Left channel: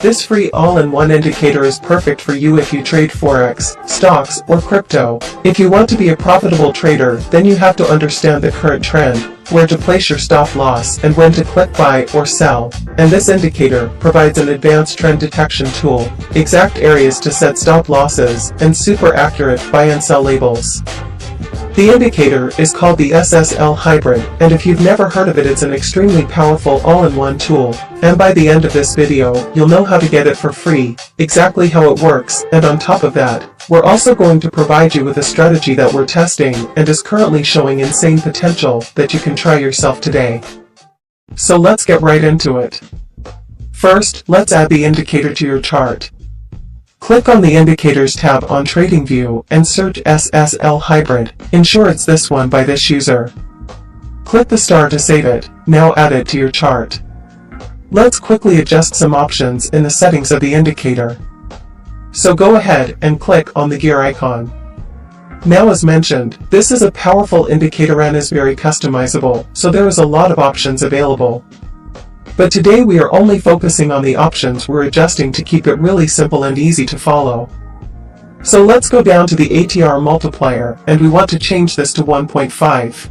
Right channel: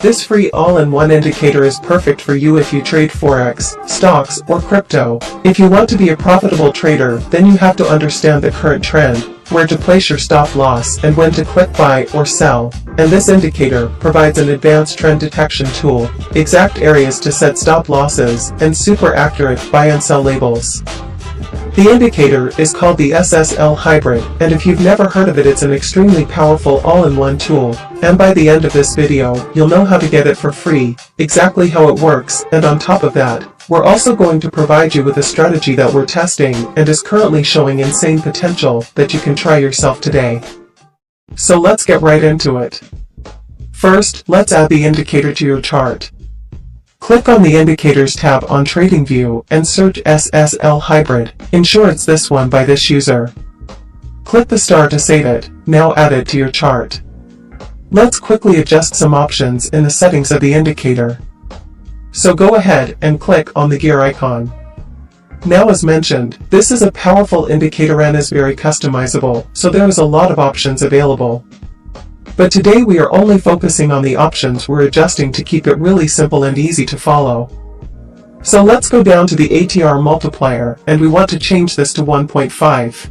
This free all-in-one indicator is perfect for you if you trade Forex, stocks, or crypto. If you want to be a profitable trader, then you have to understand the current trend, where to place your stop loss, and when to click buy or sell. And this indicator provides an advanced trend detection tool, exact areas to set stop losses, and super accurate buy and sell labels. The indicator is called the SSL Hybrid, and if you've never heard of it, it's an extremely powerful all-in-one tool, and by the end of this video, you'll know how to get it for free, exactly how it works, and on top of that, we're also going to provide you with a strategy that we're testing and is currently showing insane potential that you can try yourself today. So let's get right into it. First, let's add the indicator to your chart. Click on the Indicators tab on TradingView and search SSL Hybrid. Ensure it's this one by this user. Click the star to save it. Now add it to your chart. Let's quickly adjust some options in the settings of the indicator. So go ahead and click on the gear icon. Now, as mentioned, this is a powerful indicator and is very customizable, so there is a lot of options available. But today we are only focusing on the options we're adjusting to keep it really simple and easy to follow. So let's go down to the ATR multiplier, and we want to change this to 1.5.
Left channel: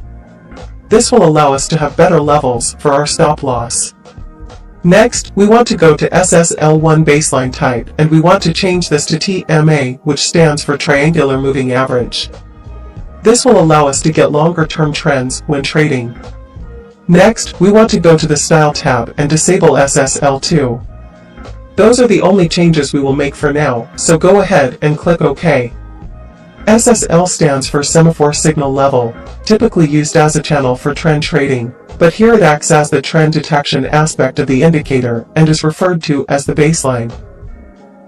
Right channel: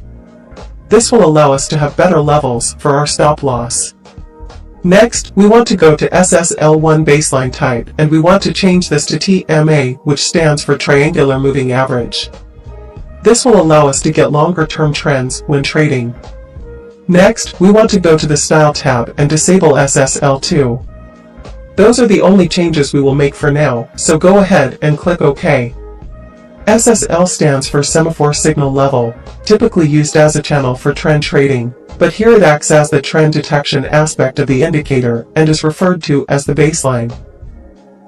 This will allow us to have better levels for our stop loss. Next, we want to go to SSL1 baseline type, and we want to change this to TMA, which stands for Triangular Moving Average. This will allow us to get longer-term trends when trading. Next, we want to go to the Style tab and disable SSL2. Those are the only changes we will make for now, so go ahead and click OK. SSL stands for Semaphore Signal Level, typically used as a channel for trend trading, but here it acts as the trend detection aspect of the indicator and is referred to as the baseline.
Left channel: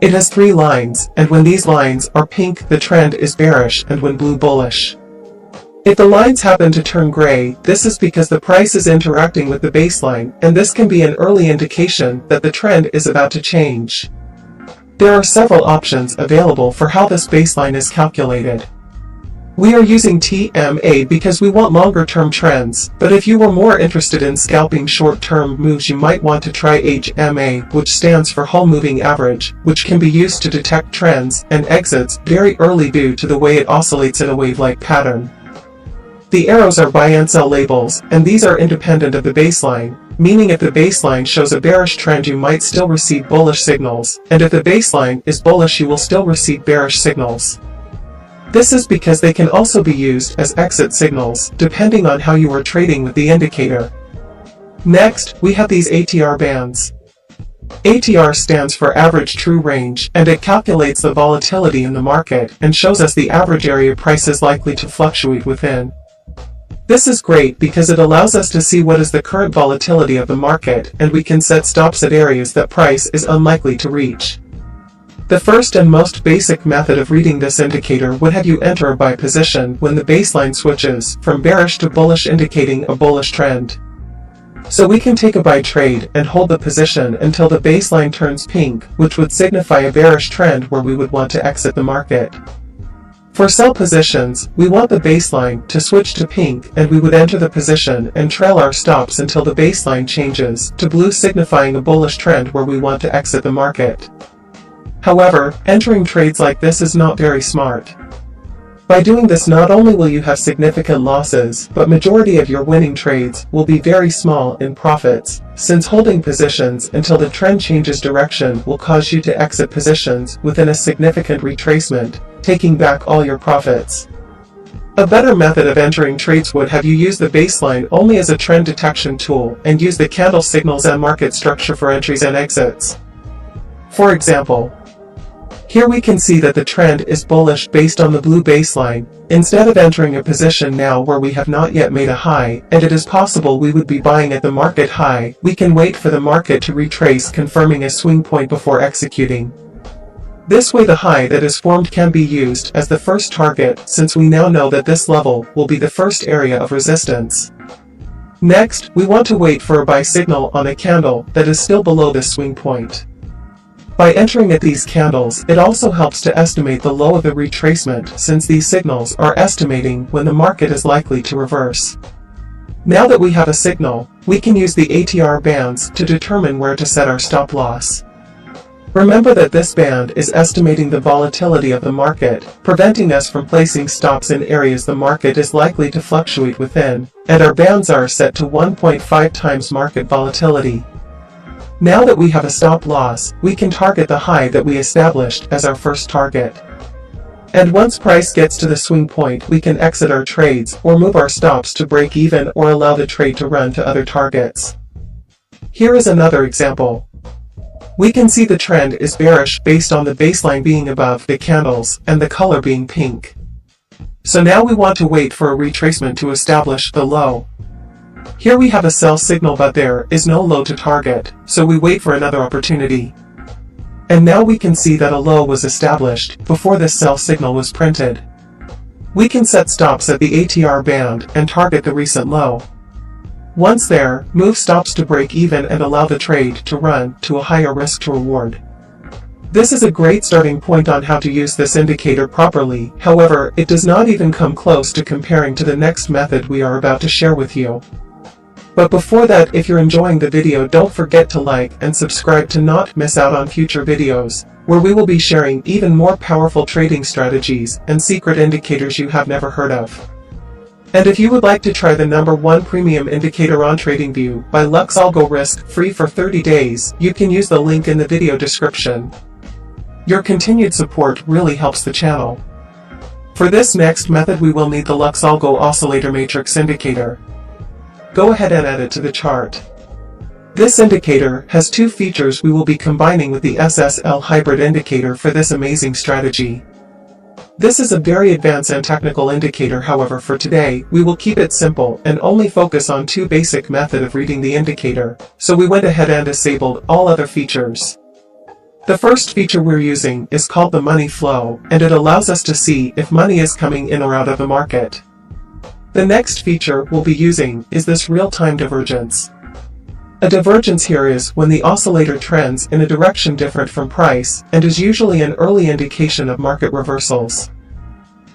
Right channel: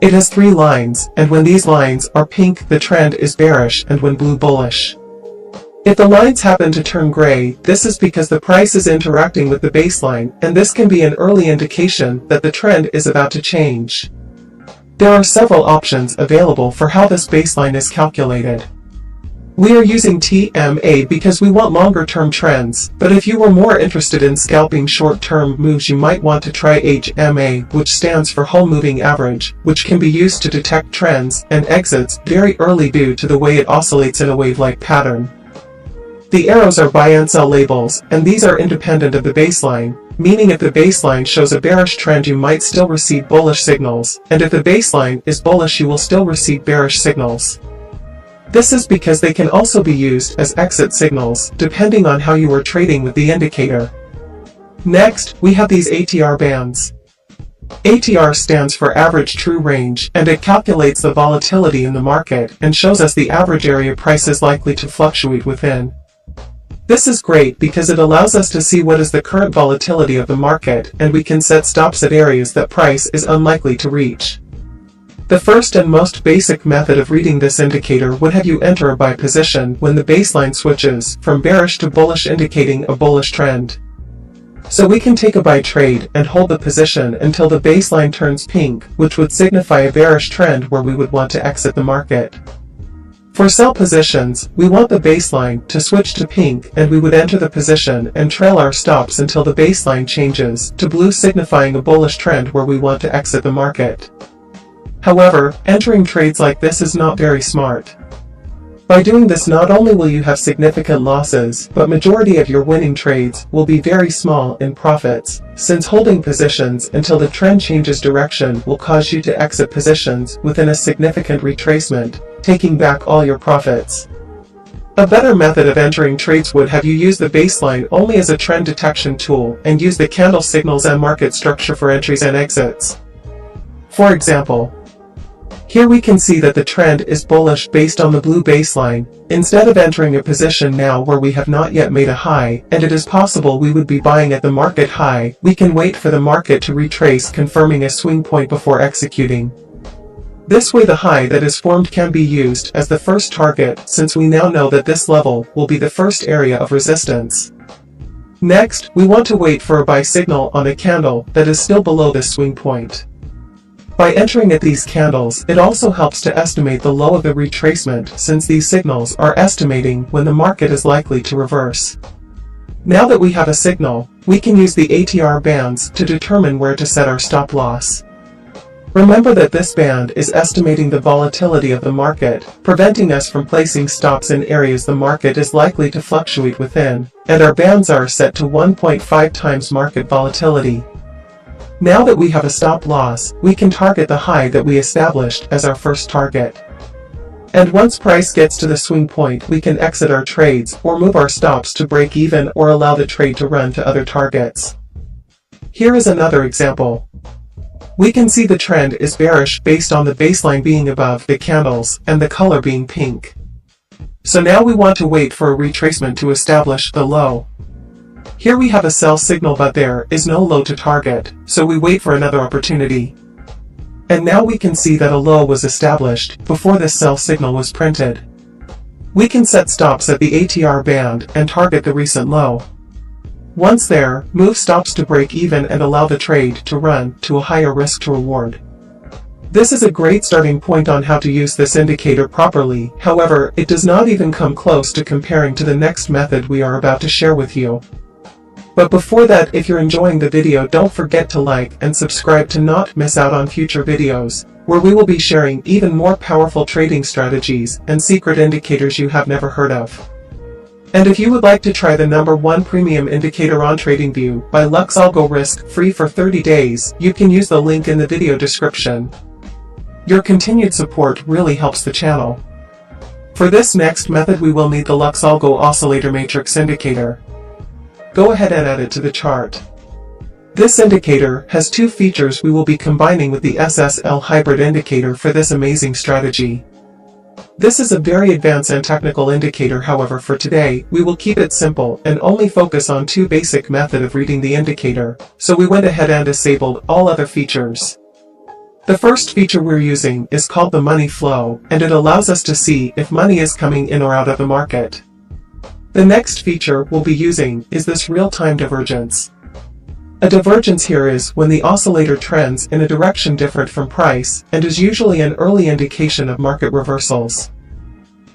It has 3 lines, and when these lines are pink, the trend is bearish, and when blue, bullish. If the lines happen to turn gray, this is because the price is interacting with the baseline, and this can be an early indication that the trend is about to change. There are several options available for how this baseline is calculated. We are using TMA because we want longer-term trends, but if you were more interested in scalping short-term moves, you might want to try HMA, which stands for Whole Moving Average, which can be used to detect trends and exits very early due to the way it oscillates in a wave-like pattern. The arrows are buy and sell labels, and these are independent of the baseline, meaning if the baseline shows a bearish trend you might still receive bullish signals, and if the baseline is bullish you will still receive bearish signals. This is because they can also be used as exit signals, depending on how you are trading with the indicator. Next, we have these ATR bands. ATR stands for Average True Range, and it calculates the volatility in the market and shows us the average area price is likely to fluctuate within. This is great because it allows us to see what is the current volatility of the market, and we can set stops at areas that price is unlikely to reach. The first and most basic method of reading this indicator would have you enter a buy position when the baseline switches from bearish to bullish, indicating a bullish trend. So we can take a buy trade and hold the position until the baseline turns pink, which would signify a bearish trend where we would want to exit the market. For sell positions, we want the baseline to switch to pink, and we would enter the position and trail our stops until the baseline changes to blue, signifying a bullish trend where we want to exit the market. However, entering trades like this is not very smart. By doing this, not only will you have significant losses, but majority of your winning trades will be very small in profits, since holding positions until the trend changes direction will cause you to exit positions within a significant retracement, taking back all your profits. A better method of entering trades would have you use the baseline only as a trend detection tool and use the candle signals and market structure for entries and exits. For example, here we can see that the trend is bullish based on the blue baseline. Instead of entering a position now where we have not yet made a high, and it is possible we would be buying at the market high, we can wait for the market to retrace, confirming a swing point before executing. This way the high that is formed can be used as the first target, since we now know that this level will be the first area of resistance. Next, we want to wait for a buy signal on a candle that is still below this swing point. By entering at these candles, it also helps to estimate the low of the retracement, since these signals are estimating when the market is likely to reverse. Now that we have a signal, we can use the ATR bands to determine where to set our stop loss. Remember that this band is estimating the volatility of the market, preventing us from placing stops in areas the market is likely to fluctuate within, and our bands are set to 1.5 times market volatility. Now that we have a stop loss, we can target the high that we established as our first target. And once price gets to the swing point, we can exit our trades or move our stops to break even or allow the trade to run to other targets. Here is another example. We can see the trend is bearish based on the baseline being above the candles and the color being pink. So now we want to wait for a retracement to establish the low. Here we have a sell signal, but there is no low to target, so we wait for another opportunity. And now we can see that a low was established before this sell signal was printed. We can set stops at the ATR band and target the recent low. Once there, move stops to break even and allow the trade to run to a higher risk to reward. This is a great starting point on how to use this indicator properly. However, it does not even come close to comparing to the next method we are about to share with you. But before that, if you're enjoying the video, don't forget to like and subscribe to not miss out on future videos, where we will be sharing even more powerful trading strategies and secret indicators you have never heard of. And if you would like to try the #1 premium indicator on TradingView by LuxAlgo risk-free for 30 days, you can use the link in the video description. Your continued support really helps the channel. For this next method, we will need the LuxAlgo Oscillator Matrix indicator. Go ahead and add it to the chart. This indicator has two features we will be combining with the SSL hybrid indicator for this amazing strategy. This is a very advanced and technical indicator, however for today, we will keep it simple and only focus on two basic methods of reading the indicator, so we went ahead and disabled all other features. The first feature we're using is called the money flow, and it allows us to see if money is coming in or out of the market. The next feature we'll be using is this real-time divergence. A divergence here is when the oscillator trends in a direction different from price, and is usually an early indication of market reversals.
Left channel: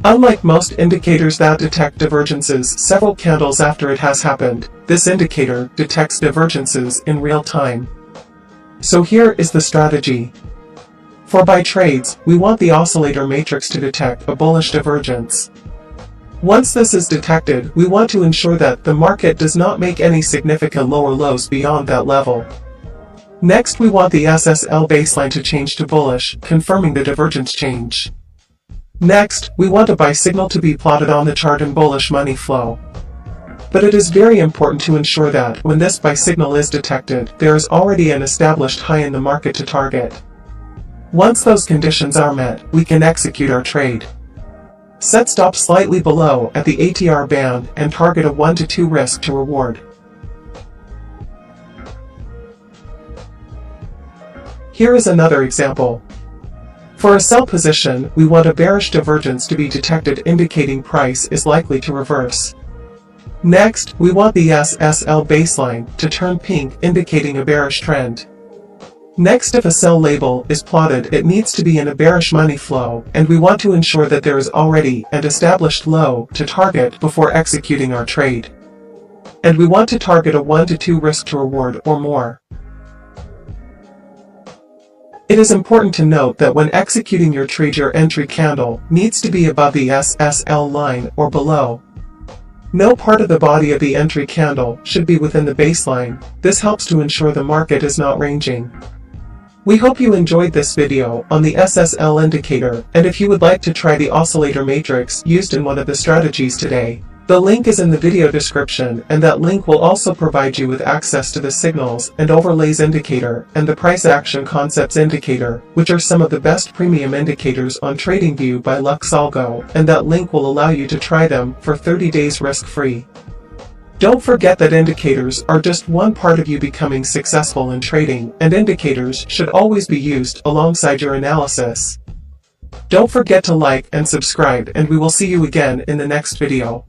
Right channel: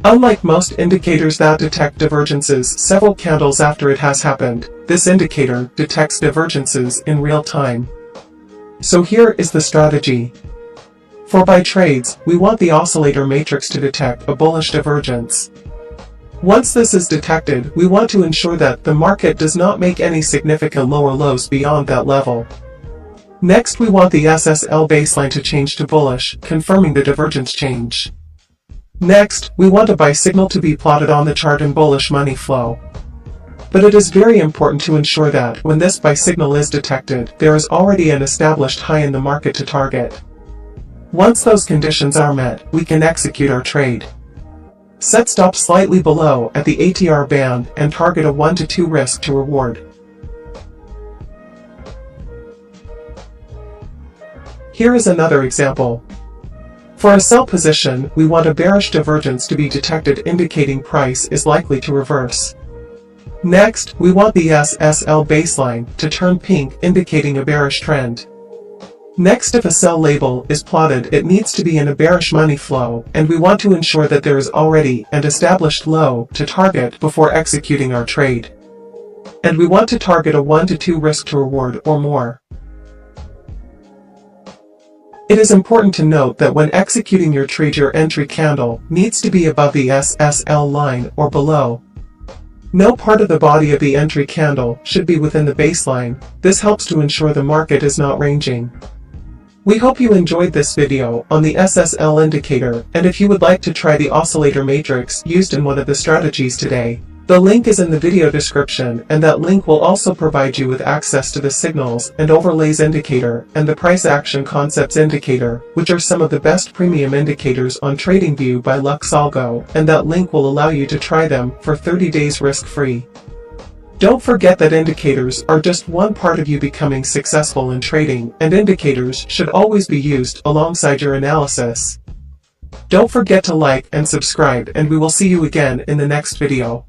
Unlike most indicators that detect divergences several candles after it has happened, this indicator detects divergences in real time. So here is the strategy. For buy trades, we want the oscillator matrix to detect a bullish divergence. Once this is detected, we want to ensure that the market does not make any significant lower lows beyond that level. Next, we want the SSL baseline to change to bullish, confirming the divergence change. Next, we want a buy signal to be plotted on the chart in bullish money flow. But it is very important to ensure that when this buy signal is detected, there is already an established high in the market to target. Once those conditions are met, we can execute our trade. Set stop slightly below at the ATR band and target a 1 to 2 risk to reward. Here is another example. For a sell position, we want a bearish divergence to be detected indicating price is likely to reverse. Next, we want the SSL baseline to turn pink indicating a bearish trend. Next, if a sell label is plotted, it needs to be in a bearish money flow, and we want to ensure that there is already an established low to target before executing our trade. And we want to target a 1 to 2 risk to reward or more. It is important to note that when executing your trade, your entry candle needs to be above the SSL line or below. No part of the body of the entry candle should be within the baseline. This helps to ensure the market is not ranging. We hope you enjoyed this video on the SSL indicator, and if you would like to try the oscillator matrix used in one of the strategies today, the link is in the video description, and that link will also provide you with access to the signals and overlays indicator and the price action concepts indicator, which are some of the best premium indicators on TradingView by LuxAlgo, and that link will allow you to try them for 30 days risk-free. Don't forget that indicators are just one part of you becoming successful in trading, and indicators should always be used alongside your analysis. Don't forget to like and subscribe, and we will see you again in the next video.